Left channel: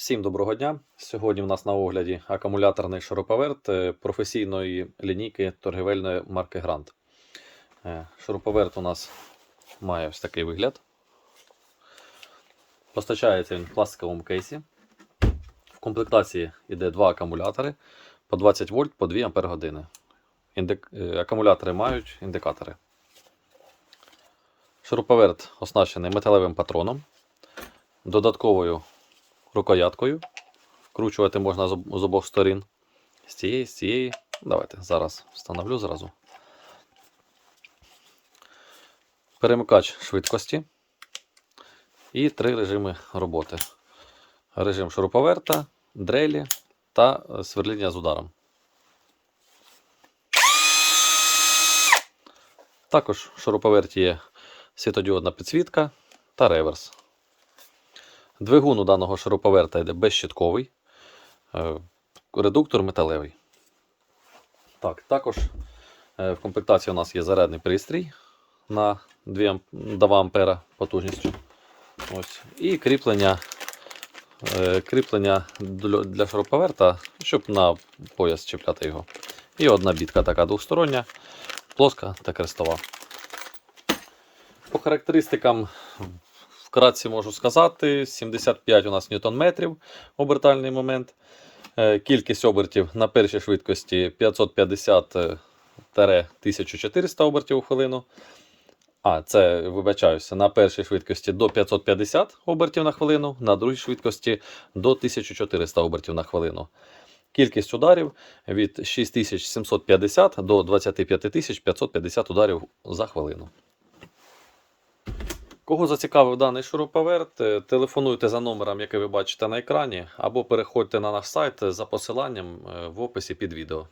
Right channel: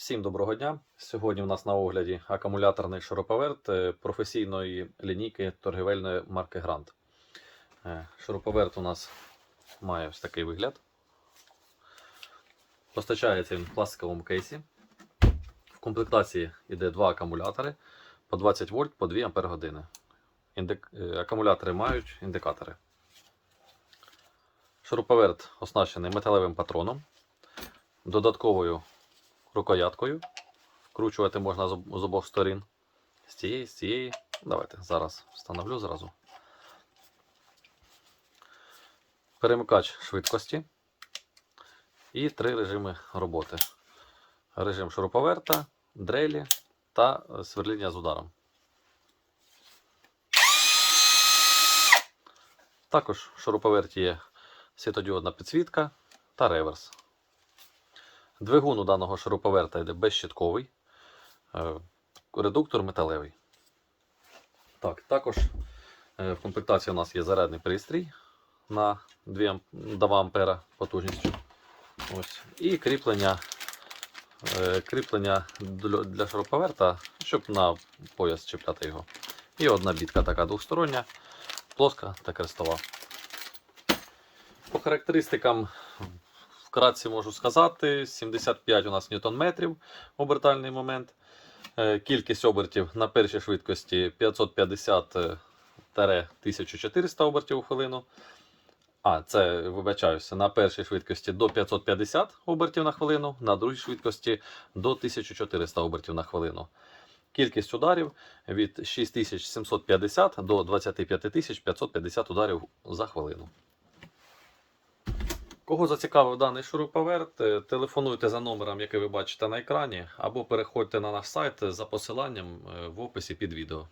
Всім доброго дня. Сьогодні у нас на огляді акумуляторний шуруповерт е, професійної лінійки торгівельної марки Грант. Е, Шуруповерт у нас має ось такий вигляд. Постачається він в пластиковому кейсі. В комплектації йде два акумулятори по 20 вольт по 2 ампер години. Індик... е, Акумулятори мають індикатори. Шуруповерт оснащений металевим патроном, додатковою рукояткою. Вкручувати можна з обох сторін. З цієї, з цієї. Давайте зараз встановлю зразу. Перемикач швидкості. І три режими роботи. Режим шуруповерта, дрелі та е, сверління з ударом. Також в шуруповерті є світодіодна підсвітка та реверс. Двигун у даного шуруповерта йде безщитковий, е, редуктор металевий. Так, також е, в комплектації у нас є зарядний пристрій на 2, ам- 2 ампера потужністю. Ось. І кріплення, е, кріплення для шуруповерта, щоб на пояс чіпляти його. І одна бітка така двостороння, плоска та крестова. По характеристикам вкратце можу сказати: 75 у нас ньютон-метрів обертальний момент. Е, Кількість обертів на першій швидкості 550-1400 обертів у хвилину. А, це вибачаюся, на першій швидкості до 550 обертів на хвилину, на другій швидкості до 1400 обертів на хвилину. Кількість ударів від 6750 до 25550 ударів за хвилину. Кого зацікавив даний шуруповерт, е, телефонуйте за номером, який ви бачите на екрані, або переходьте на наш сайт за посиланням е, в описі під відео.